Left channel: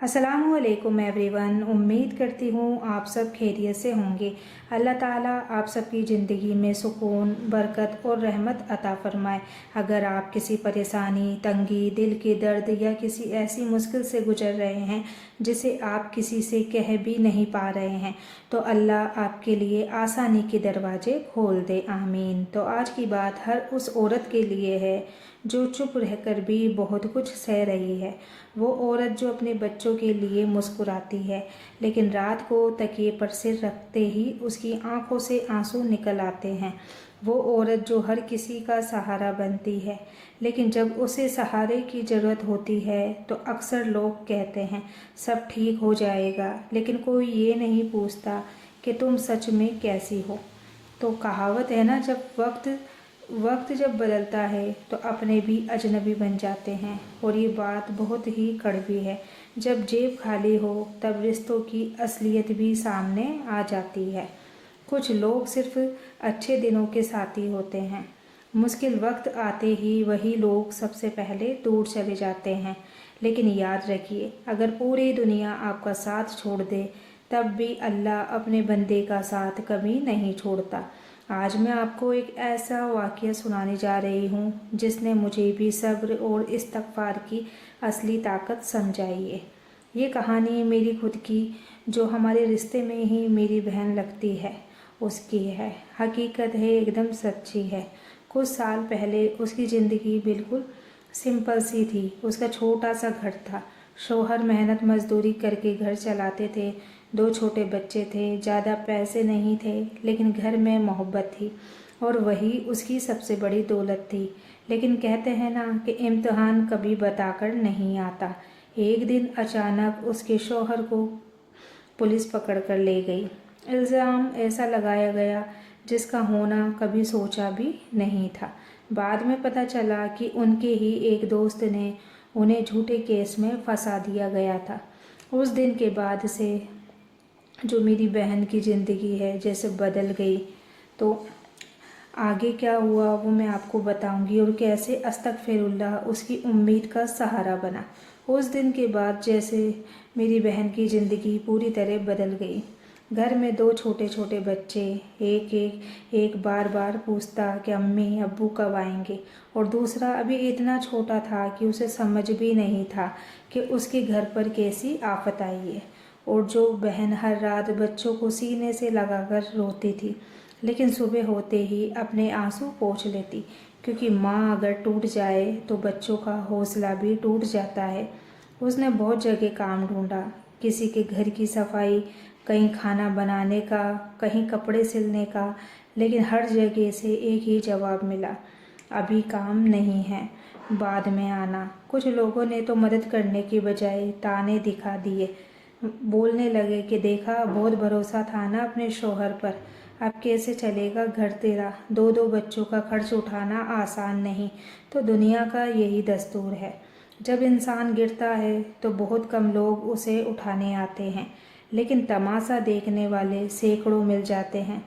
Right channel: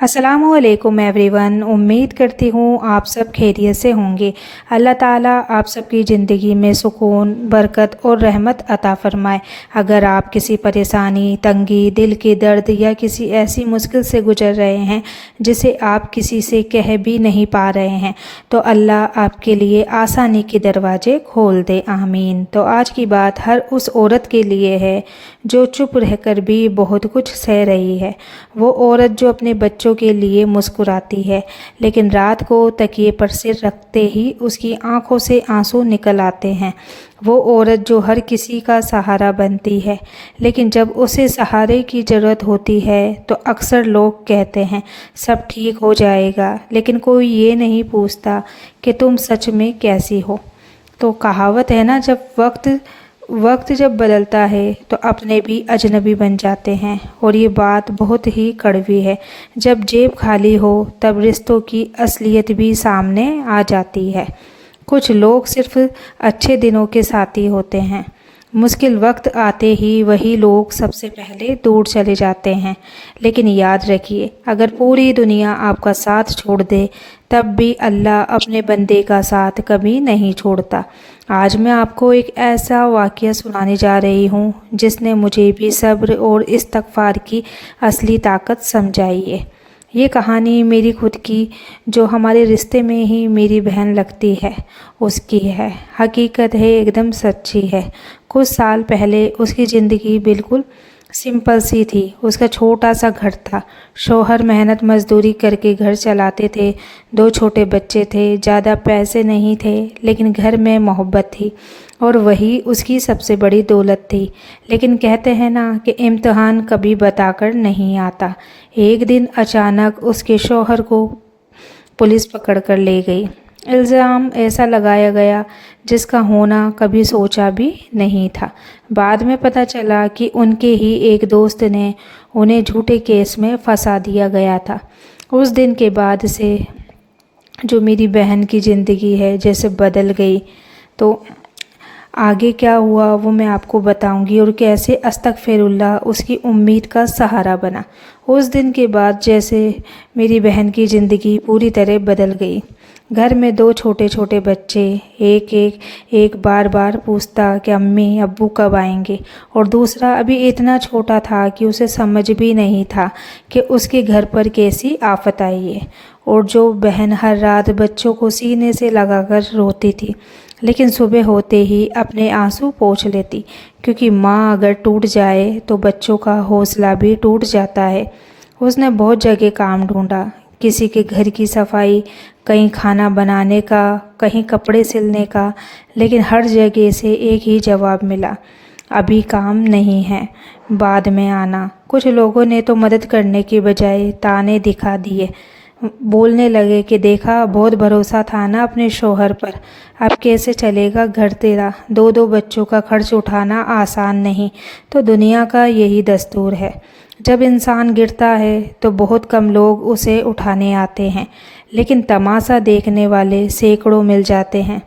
अस्सलामुअलैकुम एवरीवन। उम्मीद करती हूँ आप सब खैरियत से होंगे। अल्लाह ताला आप सबकी ज़िंदगी में सुकून, बरकत और रहमत अता फ़रमाए। अगर आप किसी परेशानी, तंगी, दिल के दर्द या किसी ऐसी मुश्किल से गुज़र रहे हैं जिसे आप किसी से कह भी नहीं पा रहे हैं, तो अल्लाह आपके लिए आसानी के दरवाज़े खोल दे, आमीन। तो आज की बात हर उस औरत के लिए है जो चुप रहकर भी बहुत कुछ सह रही है। वो औरत जो अपने बच्चों के लिए मुस्कुराती है, लेकिन रात को तकिए पर सिर रखते ही उसकी आंखों से आंसू निकल आते हैं। वो औरत जो हर किसी का सहारा बनती है, लेकिन जब उसे सहारे की ज़रूरत होती है तो अक्सर लोग कहते हैं सब ठीक हो जाएगा, लेकिन कोई ये नहीं पूछता कि तुम सच में कैसी हो। तो कहावत है ना, जब वक्त जब बदलता है तो अपने भी अजनबी बन जाते हैं। और ये बात बहुत ही कड़वी है। जब जेब खाली हो तब रिश्तों की असलियत भी सामने आ जाती है। कुछ लोग सिर्फ अच्छे दिनों के साथी होते हैं, मुश्किल वक्त आते ही वही लोग सबसे पहले दूर चले जाते हैं। लेकिन याद रखिए, अगर पूरी दुनिया आपका साथ छोड़ दे तब भी अल्लाह अपने बंदे का साथ कभी नहीं छोड़ता। आज मैं आपको एक ऐसा वाक़या सुनाने जा रही हूँ जिसने मुझे भी सब्र और इस्तग़फ़ार की असली ताकत समझाई है। ये कहानी मेरी खुद की, जो हमारे रिश्ते में ही मेरी बहन लगती है, उसकी है। हकीकत है, एकदम सच्ची है। कुछ साल पहले उसकी ज़िंदगी बिल्कुल सिंपल सी थी। उसका छोटा सा घर था। शौहर मेहनत मजदूरी करके घर चलाते थे। 2 छोटे बच्चे थे। ज़्यादा पैसे नहीं थे, लेकिन घर में मोहब्बत थी, और वही उसकी सबसे बड़ी दौलत थी। लेकिन कहते हैं ना कि इम्तिहान कभी बताकर नहीं आता। एक दिन अचानक उसके शौहर को पुलिस पकड़ कर ले गई। इल्ज़ाम ऐसा लगाया गया जिसका होना कभी सोचा भी नहीं था। बाद में पता चला कि उनके ही एक दोस्त ने उन्हें झूठे केस में फंसा दिया गया था। उस दिन के बाद से जो मेरी बहन की ज़िंदगी है जैसे बदल गई। तो आगे क्या हुआ वो मैं आपको बताऊंगी, और कैसे अस्तगफिरुल्लाह उसकी उम्मीद का सहारा बना। उस दिन के बाद जैसे मेरी बहन की ज़िंदगी पूरी तरह बदल गई। घर में 2 छोटे छोटे बच्चे, एक बार बार पूछता कि अम्मी अब्बू कब आएंगे, और दूसरा अभी इतना छोटा था कि उसे समझ भी नहीं था कि उसके घर पर कैसी आफत आई है। और जो बहन हर रात बच्चों को सीने से लगाकर रोती थी, लेकिन सुबह होते ही अपने आंसू पोंछ लेती, क्योंकि माँ अगर टूट जाए तो बच्चों का हौसला भी टूट जाता है। उसने बहुत जगह काम ढूंढा, किसी के घर की सफाई, कहीं खाना बनाने का, कहीं कपड़े सिलने का, लेकिन हर जगह से एक ही जवाब मिला, अभी काम नहीं है, बाद में आना। कुछ लोगों ने तो मदद करने की बजाय ताने दिखा दिए। बोलने लगे कि देखा, बहुत भरोसा था ना अपने शौहर पर, अब कैसे चलेगा घर तेरा, 2 बच्चों का खर्च उठाना आसान नहीं। तो दुनिया का यही दस्तूर है, जब इंसान गिरता है तो बहुत कम लोग उसे उठाने आते हैं, लेकिन तमाशा देखने वाले सैकड़ों मिल जाते हैं।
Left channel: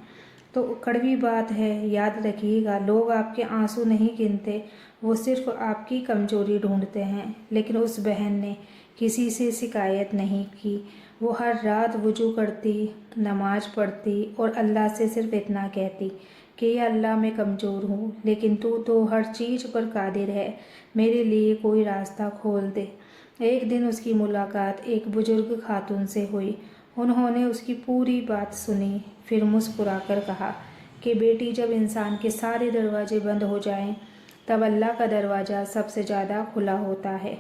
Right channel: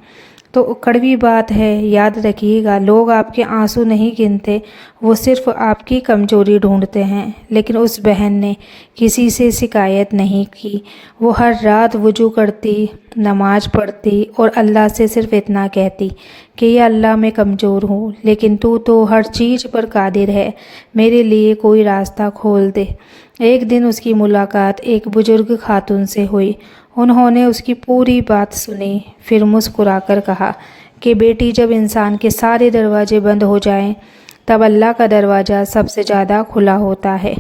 तो कड़वी बात है, याद रखिएगा, लोग आपके आंसू नहीं गिनते, वो सिर्फ आपकी कमजोरी ढूंढते हैं। लेकिन उस बहन ने किसी से शिकायत नहीं की। वो हर रात वुजू करती, नमाज पढ़ती और अल्लाह से सिर्फ इतना कहती कि या अल्लाह मैं कमज़ोर हूँ, लेकिन तू तो हर चीज़ पर कादिर है, मेरे लिए कोई रास्ता खोल दे। एक दिन उसकी मुलाकात एक बुजुर्ग खातून से हुई। उन्होंने उसकी पूरी बात सुनी, फिर मुस्कुराकर कहा कि बेटी, जब इंसान के सारे दरवाजे बंद हो जाएं, तब अल्लाह का दरवाज़ा सबसे ज़्यादा खुला होता है।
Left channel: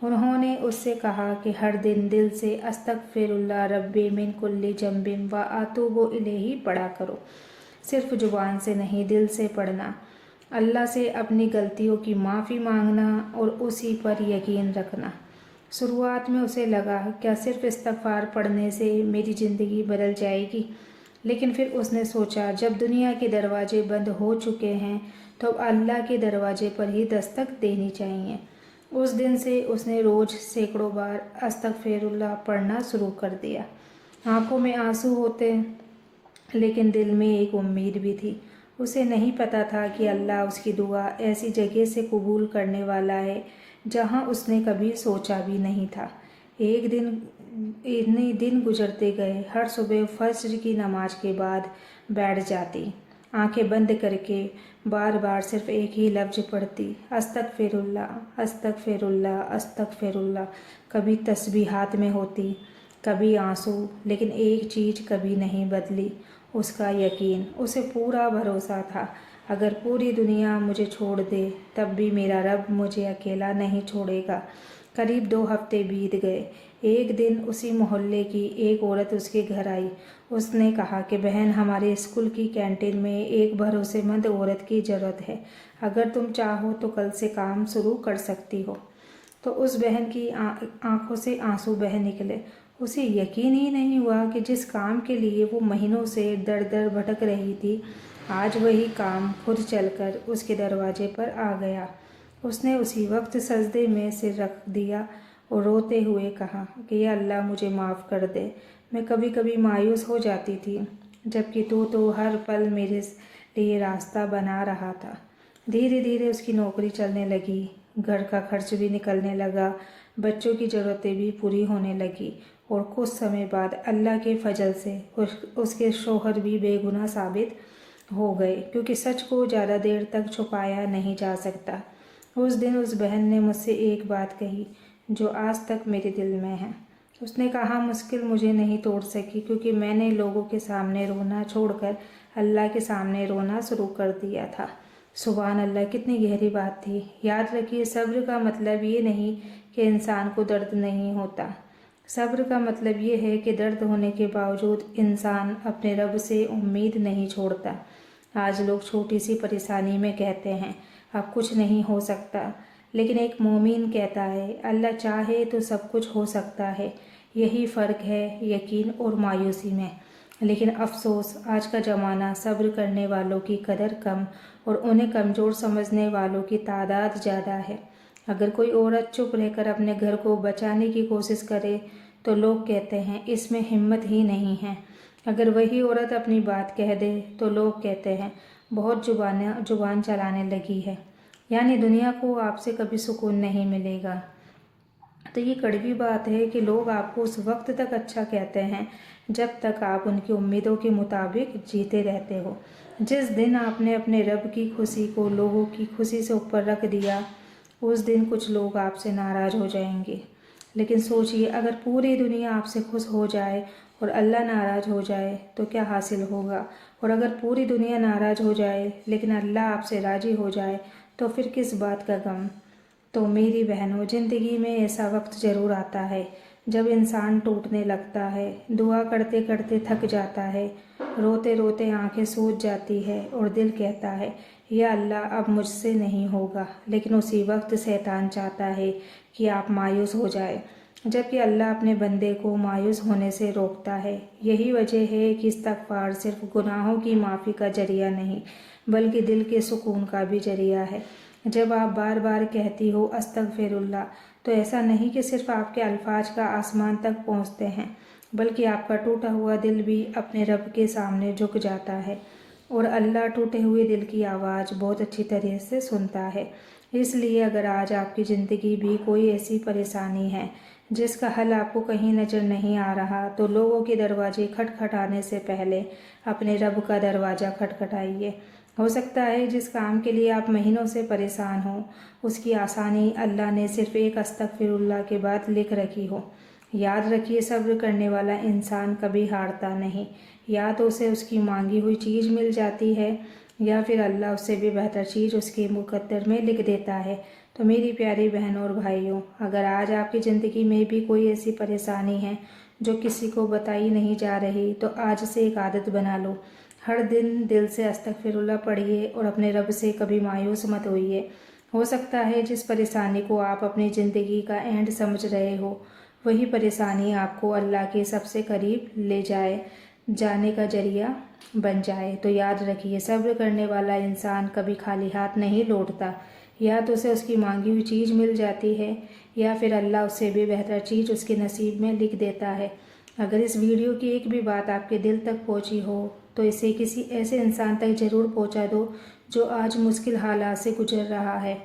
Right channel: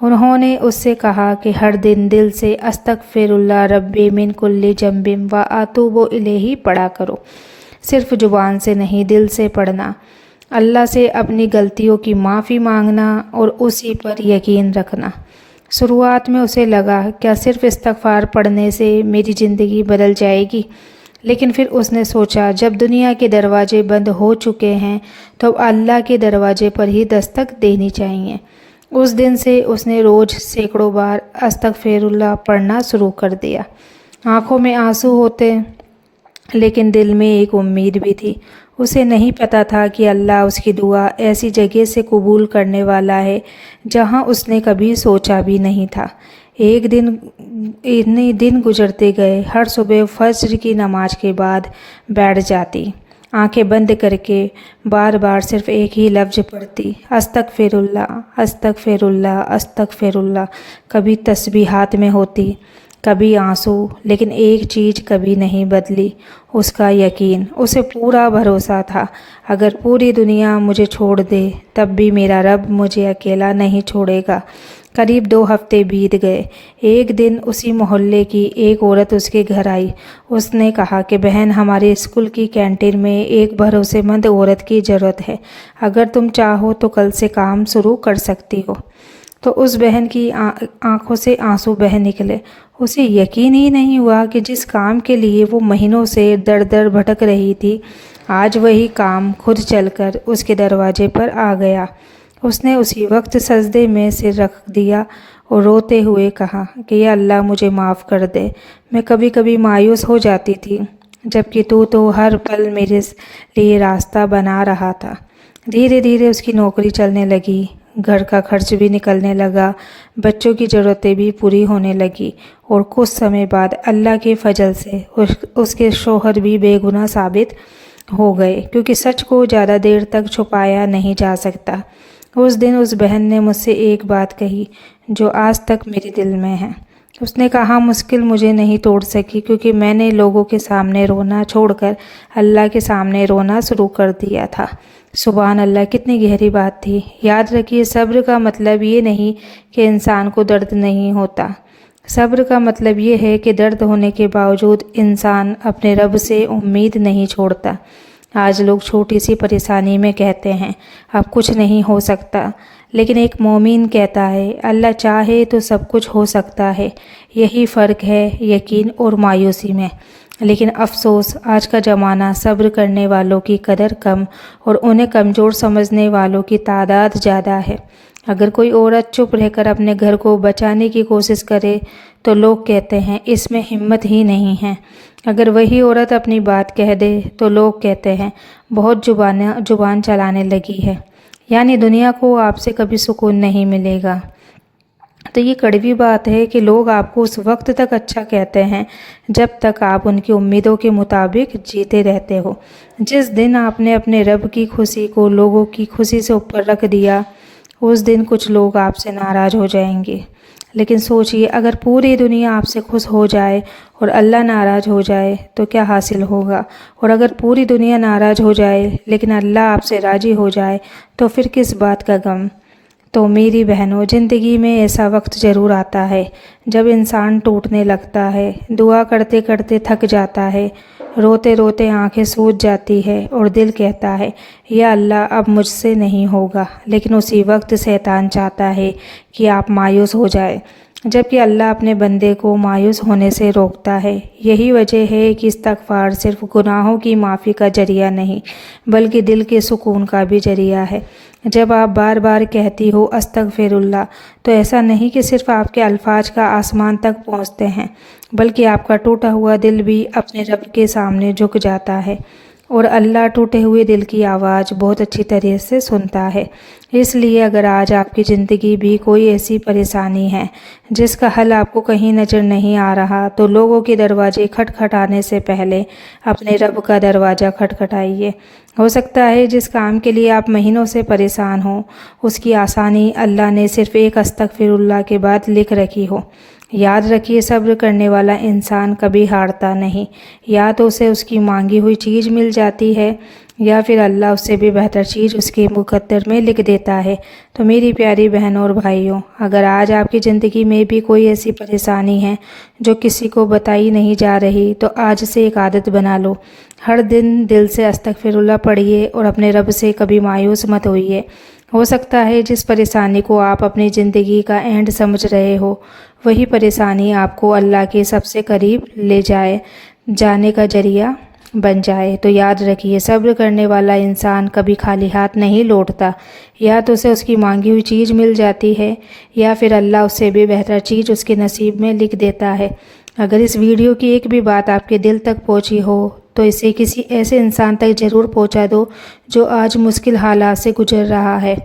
उन्होंने उससे कहा कि हर दिन दिल से अस्तगफिरुल्लाह रब्बी मिन कुल्ली जंबिम व अतूबु इलैही पढ़ा करो। सिर्फ ज़ुबान से नहीं, दिल से पढ़ना। अल्लाह से अपनी गलतियों की माफ़ी मांगना और उसी पर यकीन रखना। शुरुआत में उसे लगा, क्या सिर्फ इस्तग़फ़ार पढ़ने से मेरी ज़िंदगी बदल जाएगी? लेकिन फिर उसने सोचा, जब दुनिया के दरवाजे बंद हो चुके हैं तो अल्लाह के दरवाजे पर ही दस्तक देनी चाहिए। उस दिन से उसने रोज़ सैकड़ों बार अस्तगफिरुल्लाह पढ़ना शुरू कर दिया। आँखों में आंसू होते, लेकिन दिल में एक उम्मीद भी थी। उसे नहीं पता था कि अल्लाह उसकी दुआ ऐसी जगह से कबूल करने वाला है जहाँ उसने कभी सोचा भी नहीं था। इतने दिन गुजरते गए। हर सुबह फज्र की नमाज के बाद बैठ जाती, आंखें बंद करके बार बार सिर्फ एक ही लफ्ज़ पढ़ती, अस्तगफिरुल्लाह अस्तगफिरुल्लाह अस्तगफिरुल्लाह। कभी तस्बीहात में होती, कभी आंसू, लेकिन एक चीज़ कभी नहीं बदली, उसका यकीन। उसे पूरा भरोसा था, अगर पूरी दुनिया मुझे छोड़ दे तब भी मेरा रब मुझे अकेला नहीं छोड़ेगा। करीब 2 हफ्ते बीत गए। एक दिन उसी मोहल्ले की एक औरत उसके घर आई। उसने कहा कि बहन, हमारे स्कूल की कैंटीन में एक भरोसेमंद औरत की ज़रूरत है, अगर तुम चाहो तो कल से काम शुरू कर सकती हो। तो उस बहन की आंखों से आंसू बह निकले। उसे यकीन ही नहीं हुआ कि जिस काम के लिए वो महीनों से दर दर भटक रही थी, आज वही काम खुद चलकर उसके दरवाजे पर आ गया। उसने उसी वक्त सजदे में सिर रख दिया और रोते हुए कहा कि या अल्लाह, मुझे माफ़ कर दे। मैं कभी कभी मायूस हो जाती थी, जबकि तू तो हर पल मेरे लिए रास्ता बना रहा था। धीरे धीरे उसकी नौकरी चलने लगी, घर का खर्च भी निकलने लगा, बच्चों की ज़रूरतें भी पूरी होने लगी, और कुछ समय बाद अल्लाह के फजल से उसके शौहर भी बेगुनाह साबित हो गए, क्योंकि सच को ज़्यादा देर तक छुपाया नहीं जा सकता। उस दिन उस बहन ने मुझसे एक बात कही जो आज तक मेरे दिल में है। उसने कहा, मुश्किल मुझे नहीं तोड़ सकी, क्योंकि मैंने लोगों के सामने रोना छोड़कर अल्लाह के सामने रोना शुरू कर दिया था। सुभान अल्लाह, कितनी गहरी बात थी। याद रखिए, सब्र का मतलब ये नहीं कि इंसान को दर्द नहीं होता। सब्र का मतलब ये है कि दर्द होने के बावजूद इंसान अपने रब से उम्मीद नहीं छोड़ता। आज लोग छोटी सी परेशानी में कहते हैं अब कुछ नहीं हो सकता, लेकिन एक मोमिन कहता है अल्लाह चाहे तो सब कुछ हो सकता है। यही फ़र्क है यकीन और मायूसी में। लेकिन अफसोस, आज का ज़माना सब्र करने वालों की कदर कम और उन्हें कमज़ोर समझने वालों की तादाद ज़्यादा है। अगर कोई औरत चुप रहकर अपने घर को बचाने की कोशिश करे तो लोग कहते हैं इसमें हिम्मत ही नहीं है। अगर वही औरत अपनी बात कह दे तो लोग कहते हैं बहुत जुबान चलाने लगी है। यानी दुनिया को आपसे कभी सुकून नहीं मिलेगा। तो ये कड़वी बात है कि लोग आपको उस वक्त तक अच्छा कहते हैं जब तक आप उनकी उम्मीदों के मुताबिक जीते रहते हो। जिस दिन आपने अपने रब की खुशी को लोगों की खुशी से ऊपर रख दिया, उस दिन कुछ लोग आपसे नाराज़ हो जाएंगे। लेकिन सोचिए, अगर पूरी दुनिया आपसे खुश हो जाए और अल्लाह नाराज़ हो जाए तो क्या हासिल होगा? और अगर पूरी दुनिया नाराज़ हो जाए लेकिन अल्लाह आपसे राज़ी हो जाए तो फिर किस बात का गम? तो मेरी बहनों, ज़िंदगी में ऐसा वक्त ज़रूर आता है जब इंसान टूटने लगता है, दुआ करते करते थक जाता है, रोते रोते आंखें सूज जाती है और दिल कहता है या अल्लाह अब मुझसे नहीं होगा। लेकिन उसी वक्त शैतान चाहता है कि आप मायूस हो जाए, जबकि अल्लाह अपने बंदे को मायूस होने से रोकता है। यही वजह है कि इस्तग़फ़ार सिर्फ गुनाहों की माफ़ी का ज़रिया नहीं बल्कि दिल के सुकून का भी ज़रिया है। जब आप बार बार कहती हो अस्तग़फ़िरुल्लाह, तो ऐसा नहीं कि सिर्फ आपके अल्फाज का आसमान तक पहुँचते हैं, बल्कि आपका टूटा हुआ दिल भी अपने रब के सामने झुक जाता है। और अल्लाह टूटे हुए दिल की आवाज़ बहुत अच्छी तरह से सुनता है। इसलिए अगर आज आपकी ज़िंदगी भी कोई ऐसी परेशानी है जिसका हल आपको कहीं नज़र नहीं आ रहा, तो लोगों के दरवाजे खटखटाने से पहले अपने रब का दरवाज़ा खटखटाइए। हो सकता है जिस काम के लिए आप महीनों से परेशान हो, उसकी आसानी अल्लाह ने सिर्फ़ एक अस्तग़फ़िरुल्लाह के बाद लिख रखी हो। याद रखिए, सब्र करने वाला इंसान कभी हारता नहीं। या तो उसे उसकी मांगी हुई चीज़ मिल जाती है या फिर अल्लाह उससे भी बेहतर चीज़ उसके मुकद्दर में लिख देता है। तो मेरी प्यारी बहनों और भाइयों, अगर आज आपकी ज़िंदगी में भी कोई ऐसी परेशानी है जो किसी को बताई नहीं जा रही, तो आज से एक आदत बना लो। हर दिन दिल से अस्तग़फ़िरुल्लाह पढ़िए और अपने रब से कभी मायूस मत होइए। हो सकता है जिस परेशानी को आप अपनी ज़िंदगी का एंड समझ रहे हो, वही परेशानी आपको अल्लाह के सबसे करीब ले जाने का ज़रिया बन जाए। तो याद रखिए, सब्र करने वाला इंसान कभी खाली हाथ नहीं लौटता। या तो उसे उसकी मांगी हुई चीज़ मिल जाती है या फिर अल्लाह उससे भी बेहतर चीज़ उसके नसीब में लिख देता है। अगर इस वीडियो की एक भी बात आपके दिल तक पहुंची हो तो इसे किसी ऐसे इंसान तक ज़रूर पहुंचा दो जो आज मुश्किल हालात से गुजर रहा है।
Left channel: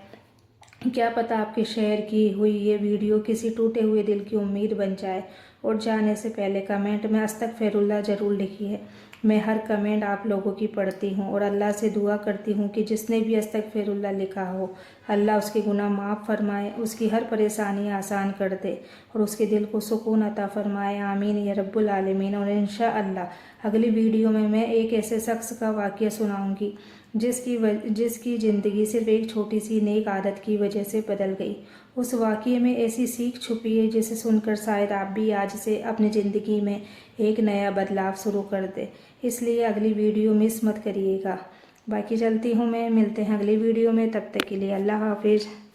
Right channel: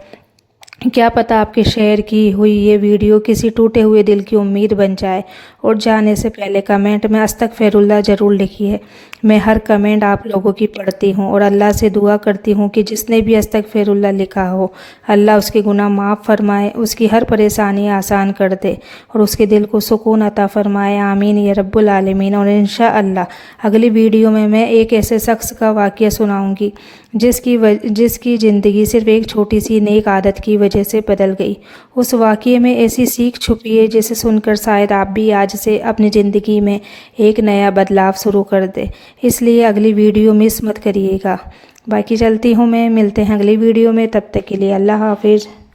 کیا پتہ آپ کے شیئر کی ہوئی یہ ویڈیو کسی ٹوٹے ہوئے دل کی امید بن جائے۔ اور جانے سے پہلے کمنٹ میں استغفر اللہ ضرور لکھیے۔ میں ہر کمنٹ آپ لوگوں کی پڑھتی ہوں اور اللہ سے دعا کرتی ہوں کہ جس نے بھی استغفر اللہ لکھا ہو، اللہ اس کے گناہ معاف فرمائے، اس کی ہر پریشانی آسان کر دے اور اس کے دل کو سکون عطا فرمائے۔ آمین یا رب العالمین۔ اور انشاءاللہ اگلی ویڈیو میں ایک ایسے شخص کا واقعہ سناؤں گی جس کی زندگی صرف ایک چھوٹی سی نیک عادت کی وجہ سے بدل گئی۔ اس واقعے میں ایسی سیکھ چھپی ہے جسے سن کر شاید آپ بھی آج سے اپنی زندگی میں ایک نیا بدلاؤ شروع کر دیں۔ اس لیے اگلی ویڈیو مس مت کریے گا۔ باقی چلتی ہوں میں، ملتے ہیں اگلی ویڈیو میں، تب تک کے لیے اللہ حافظ۔